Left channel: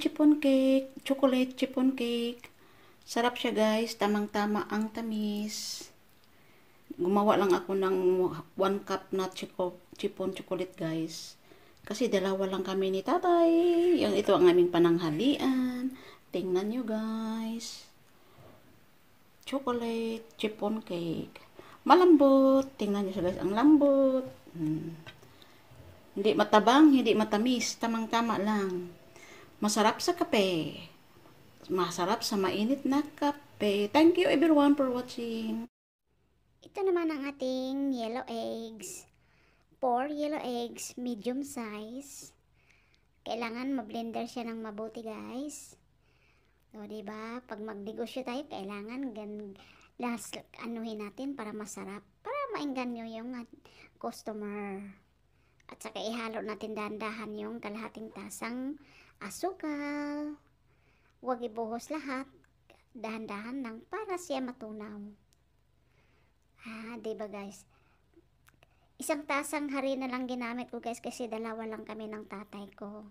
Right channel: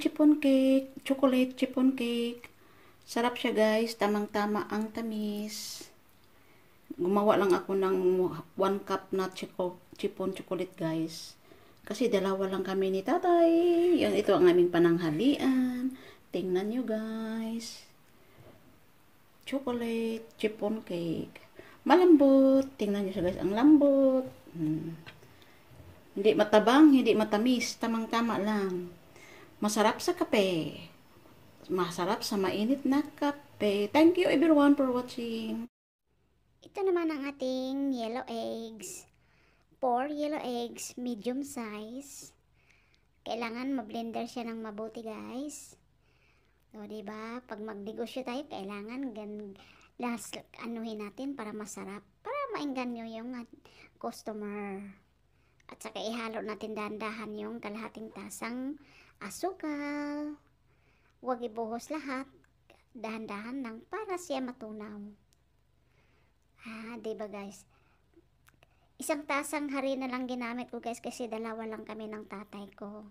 chiffon cake, chocolate chiffon cake. Sarap siya guys, tamang-tama ang tamis. Gumawa lang ako ng 1 cup na chiffon chocolate guys. Kasi dalawa lang kami ni tatay. Ito ang aming pananghalian. Tingnan nyo guys. Chocolate chiffon cake. Malambot. Tingnan nyo siya guys, ang lambot. Hindi matabang, hindi matamis. Tamang-tama lang. Masarap sa kape. Masarap sa mainit na kape. Thank you everyone for watching. Ito naman ang ating yellow eggs. 4 yellow eggs, medium size. Kailangan ma-blender siya ng mabuti guys. So, diba? Pag magnegosyo tayo, kailangan anuhin natin para masarap. Para maengganyo yung customer. At saka ihalo natin dahan-dahan yung kalahating tasang asukal. Huwag ibuhos lahat. Dahan-dahan lang para siya matunaw. Diba guys? 1 tasang harina lang ginamit ko guys kasi dalawa lang kami ng tatay ko.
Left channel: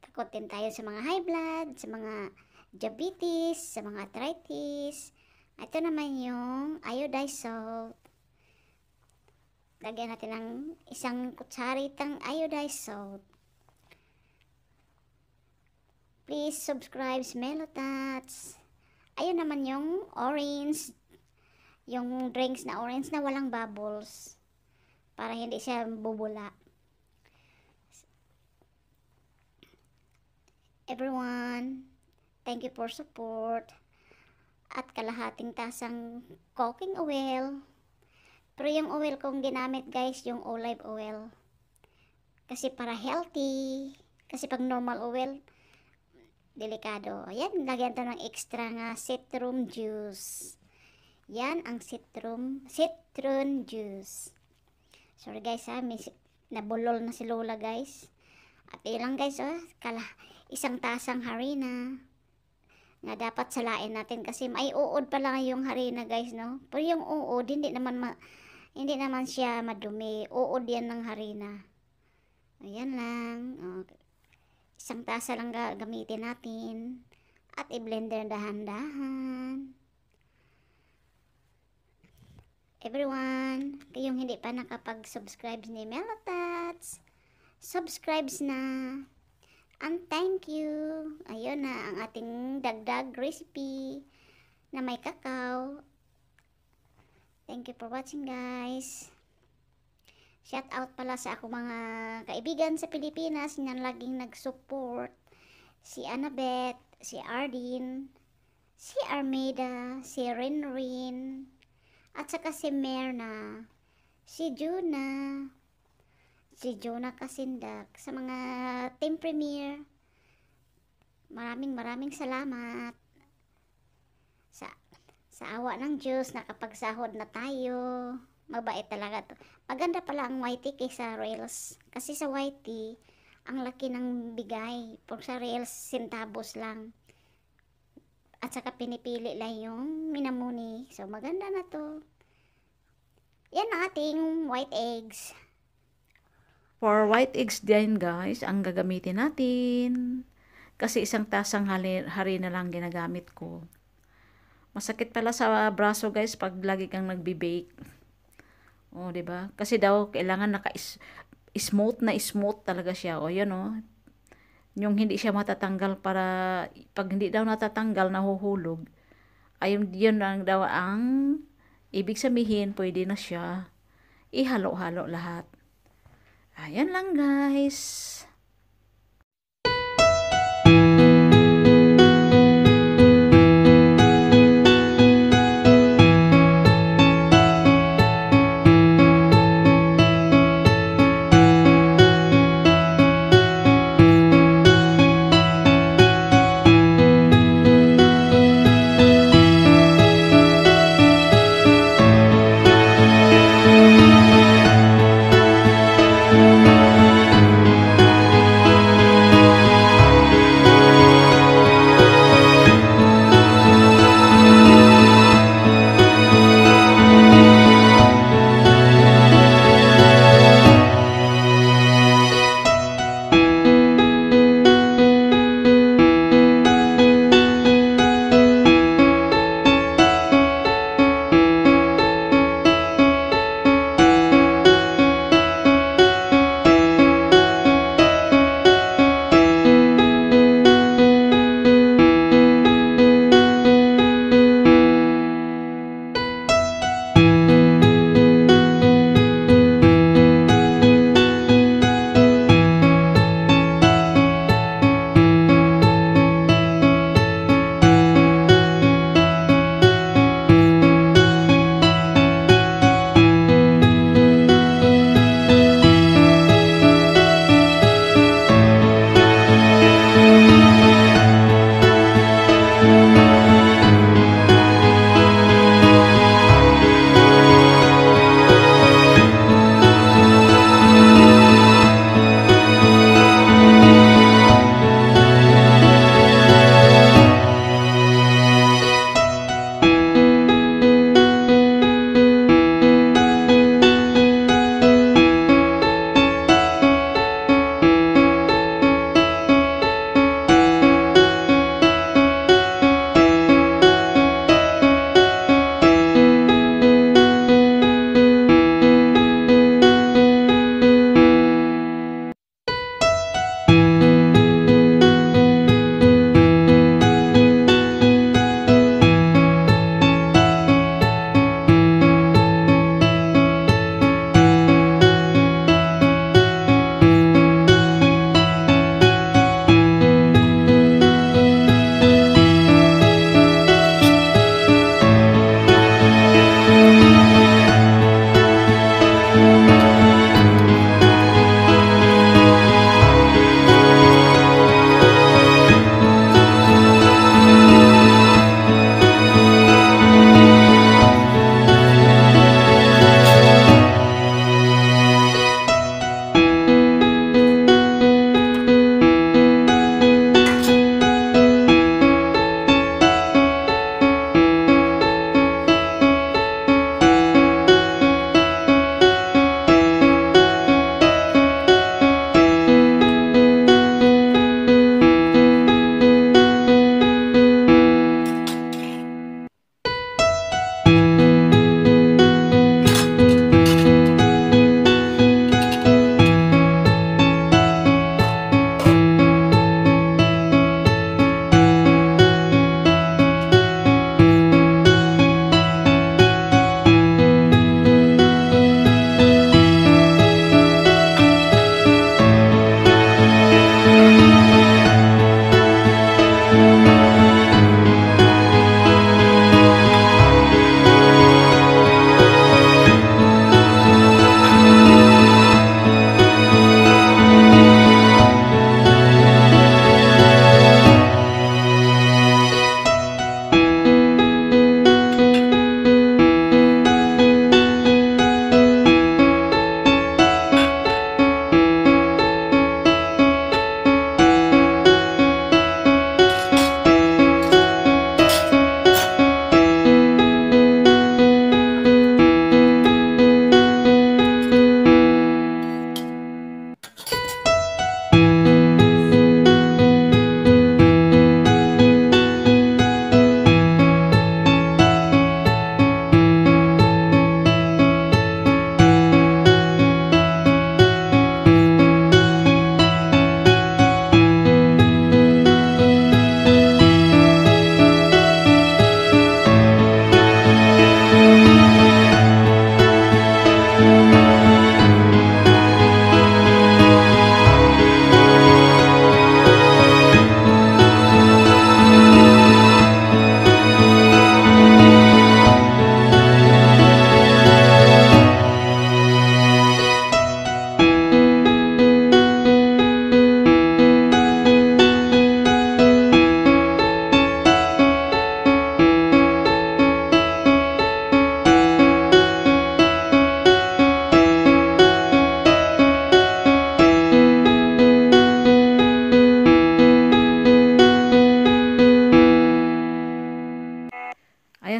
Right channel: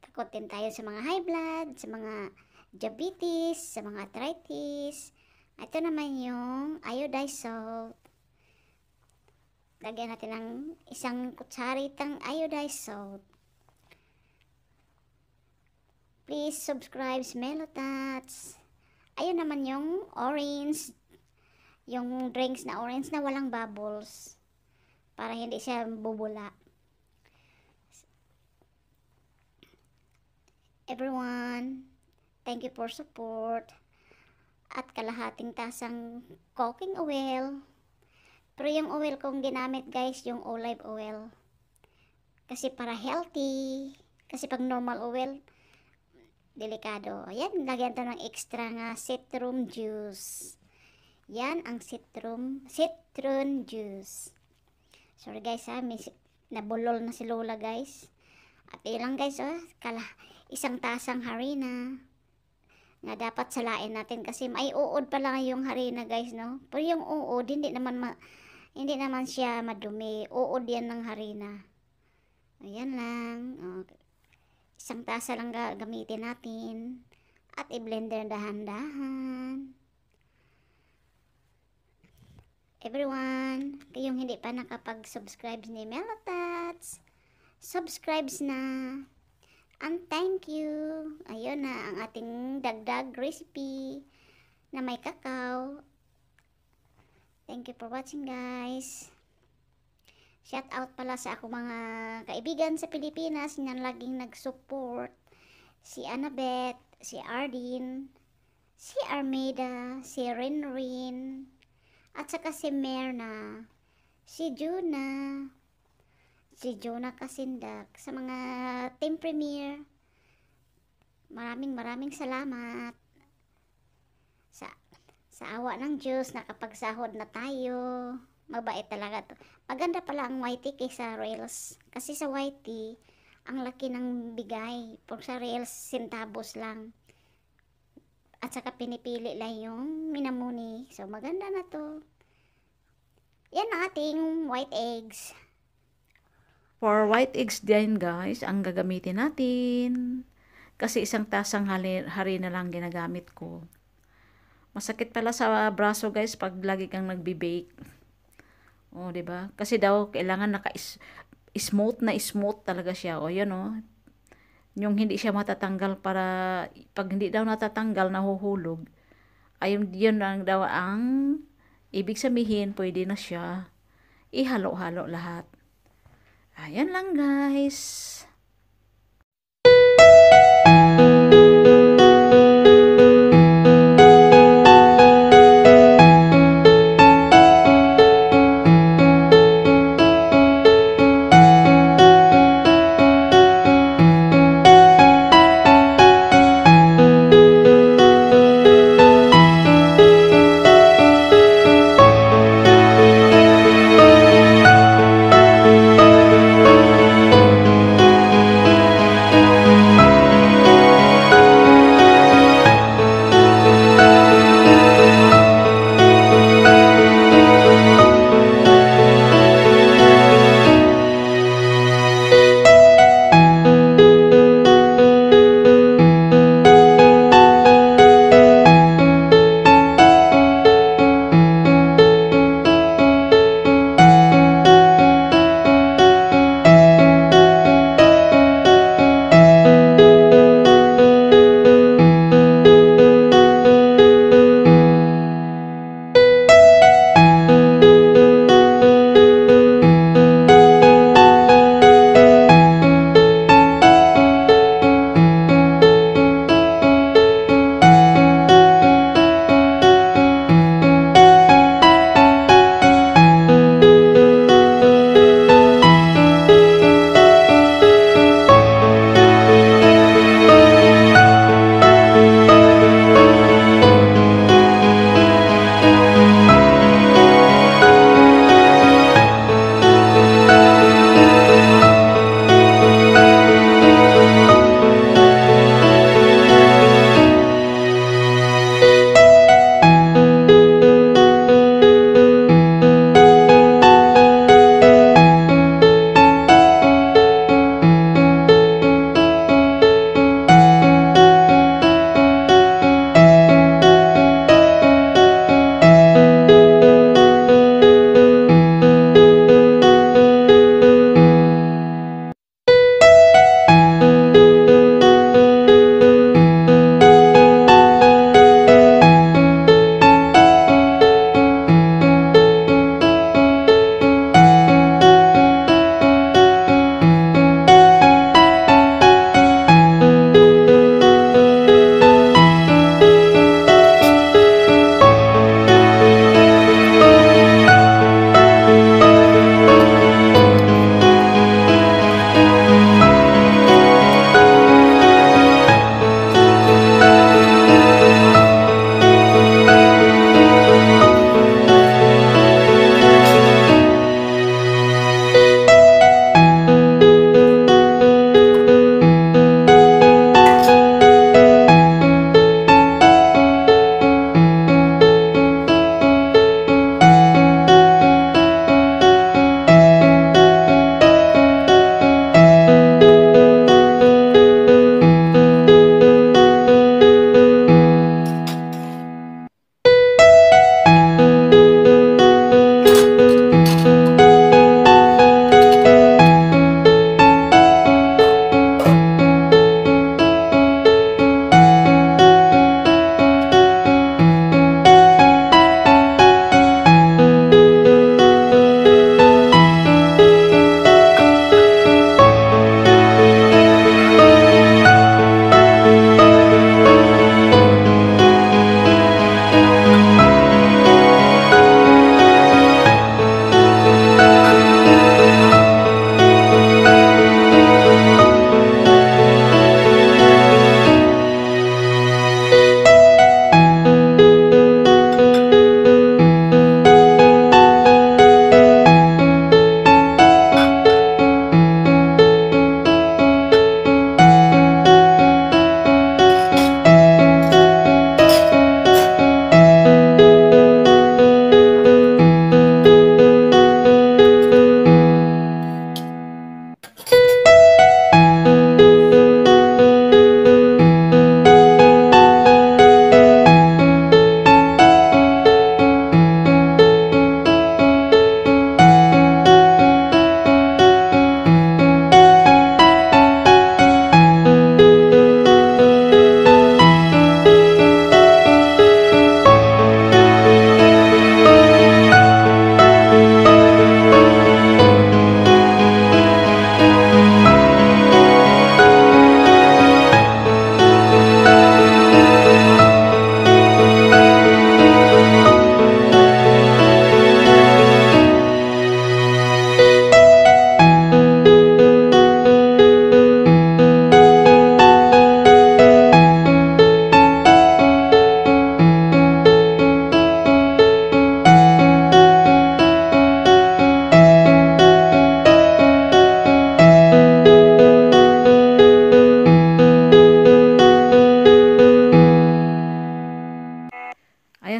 Takot din tayo sa mga high blood, sa mga diabetes, sa mga arthritis. Ito naman yung iodized salt. Lagyan natin ng 1 kutsaritang iodized salt. Please subscribe Melotats. Ayun naman yung orange. Yung drinks na orange na walang bubbles. Para hindi siya bubula. Everyone, thank you for support. At kalahating tasang cooking oil. Pero yung oil kong ginamit guys, yung olive oil. Kasi para healthy. Kasi pag normal oil, delikado. Ayan, lagyan to ng extra nga citron juice. Yan ang citron juice. Sorry guys nabulol na si Lola guys. At ilang guys 1 tasang harina. Nga dapat salain natin kasi may uod pa lang yung harina guys no. Pero yung uod hindi naman siya madumi. Uod yan ng harina. Ayan lang. 1 tasa lang gamitin natin. At i-blender dahan-dahan. Everyone, kayong hindi pa nakapag-subscribe ni Melotats, subscribe na. And thank you. Ayun na ang ating dagdag recipe na may kakao. Thank you for watching guys. Shout out pala sa ako mga kaibigan sa Pilipinas na laging nag-support. Si Annabeth, si Ardin, si Armida, si Rinrin, at saka si Merna, si Juna Kasindak, sa mga Team Premier. Maraming salamat. Sa awa ng Diyos, nakapagsahod na tayo. Mabait talaga to. Maganda pala ang YT kaysa Rails. Kasi sa YT, ang laki ng bigay. Por sa Rails, centavos lang. At saka pinipili lang yung minamuni. So, maganda na to. Yan ang ating white eggs. For white eggs din guys, ang gagamitin natin. Kasi 1 tasang harina lang ginagamit ko. Masakit pala sa braso guys pag lagi kang nagbi-bake. Diba? Kasi daw kailangan smooth talaga siya. Yan yung hindi siya matatanggal para pag hindi daw natatanggal nahuhulog. Ayun yun lang daw ang ibig sabihin, pwede na siya ihalo-halo lahat. Ayan lang guys.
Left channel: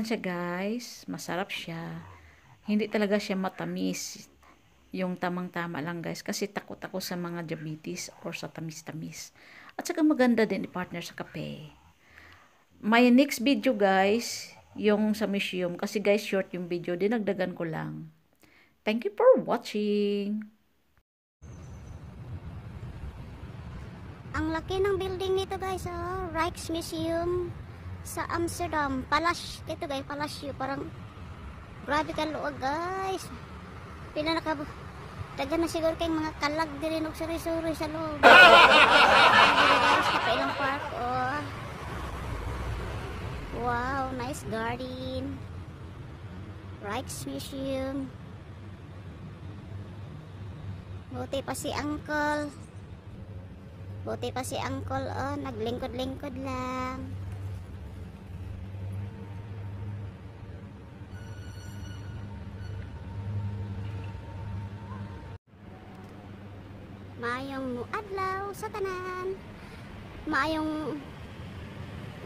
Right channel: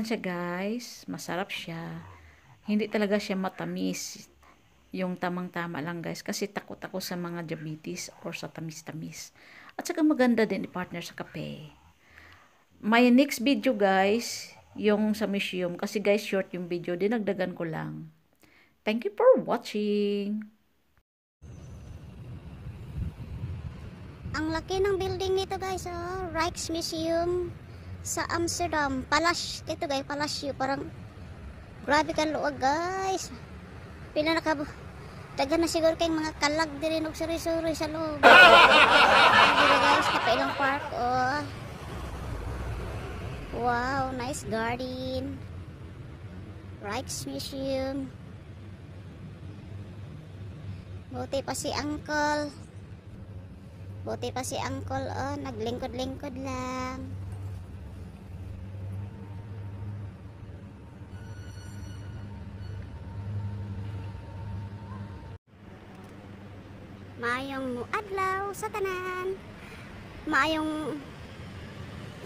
siya guys, masarap siya. Hindi talaga siya matamis. Yung tamang-tama lang guys. Kasi takot ako sa mga diabetes or sa tamis-tamis. At saka maganda din i-partner sa kape. My next video guys, yung sa museum. Kasi guys, short yung video. Dinagdagan ko lang. Thank you for watching. Ang laki ng building nito guys, oh. Rijksmuseum sa Amsterdam. Ito guys, Palacio. Parang grabe ka luwag guys. Pila na ka taga na siguro kayong mga kalag din og suri-suri sa loob. Dito guys, kapailang park, oh. Wow, nice garden. Rijksmuseum. Buti pa si uncle. Buti pa si uncle, oh, naglingkod-lingkod lang. Maayong adlaw sa tanan. Maayong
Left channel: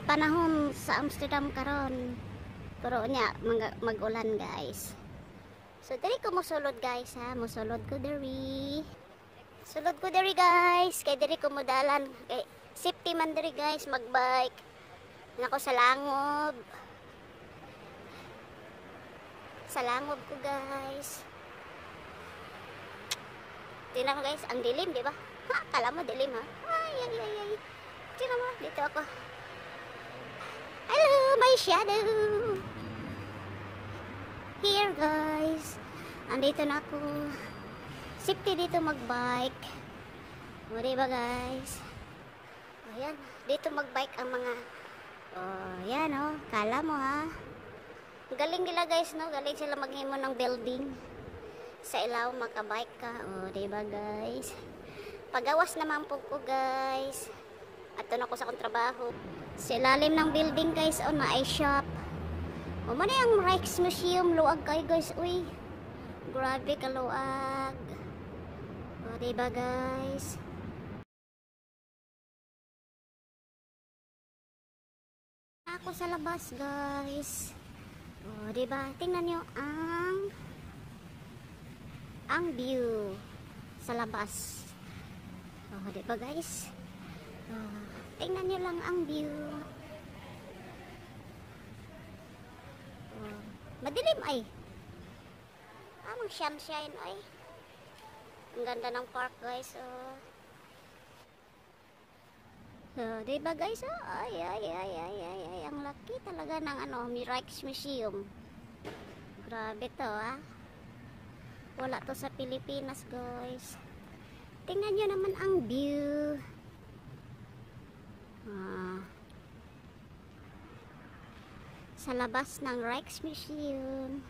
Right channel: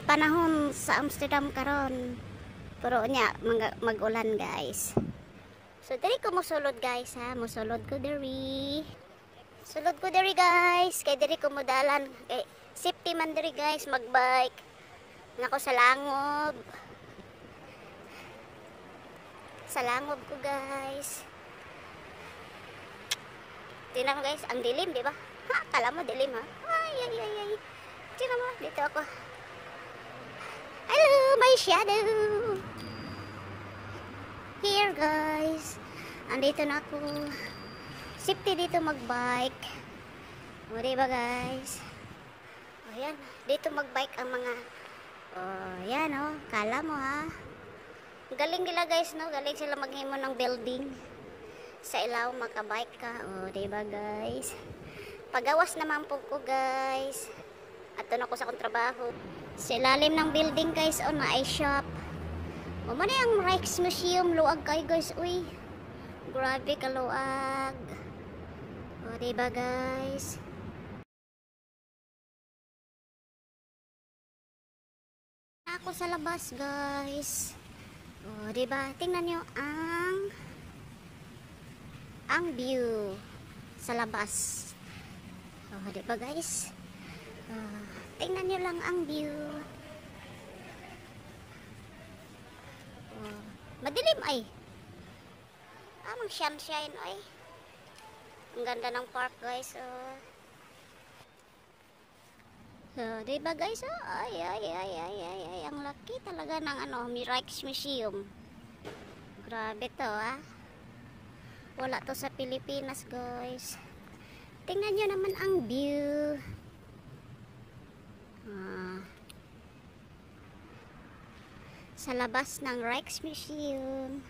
panahon sa Amsterdam karon. Pero nya mag-ulan guys. So diri ko mosulod guys ha, mosulod ko diri. Sulod ko diri guys, kay diri ko modalan, kay safety man diri guys, magbike. Nako sa langob. Sa langob ko guys. Tingnan mo guys, ang dilim, di ba? Ha, kala mo dilim ha? Ay, ay, ay, ay. Tingnan mo, dito ako. Hello, my shadow. Here guys. Andito na ako. Safety dito magbike. O, diba guys? O, yan. Dito magbike ang mga... O, yan o. Kala mo ha. Galing nila guys, no? Galing sila maghimo ng building. Sa ilaw, makabike ka. O, diba guys? Pagawas naman po ko guys. At doon ako sa akong trabaho. Sa ilalim ng building guys, o, na ay shop. O, man yung Rijksmuseum. Luag kayo guys, uy. Grabe kaluag. O, diba guys? Ako sa labas guys. O, diba? Tingnan nyo ang view sa labas. O, diba guys? Tingnan nyo lang ang view. O, madilim ay. Amang sunshine ay. Ang ganda ng park guys, oh. So, diba guys, oh? Ay, ay, ay, ay, ay, ay. Ang laki talaga ng Rijksmuseum. Grabe to, ah. Wala to sa Pilipinas, guys. Tingnan nyo naman ang view. Sa labas ng Rijksmuseum.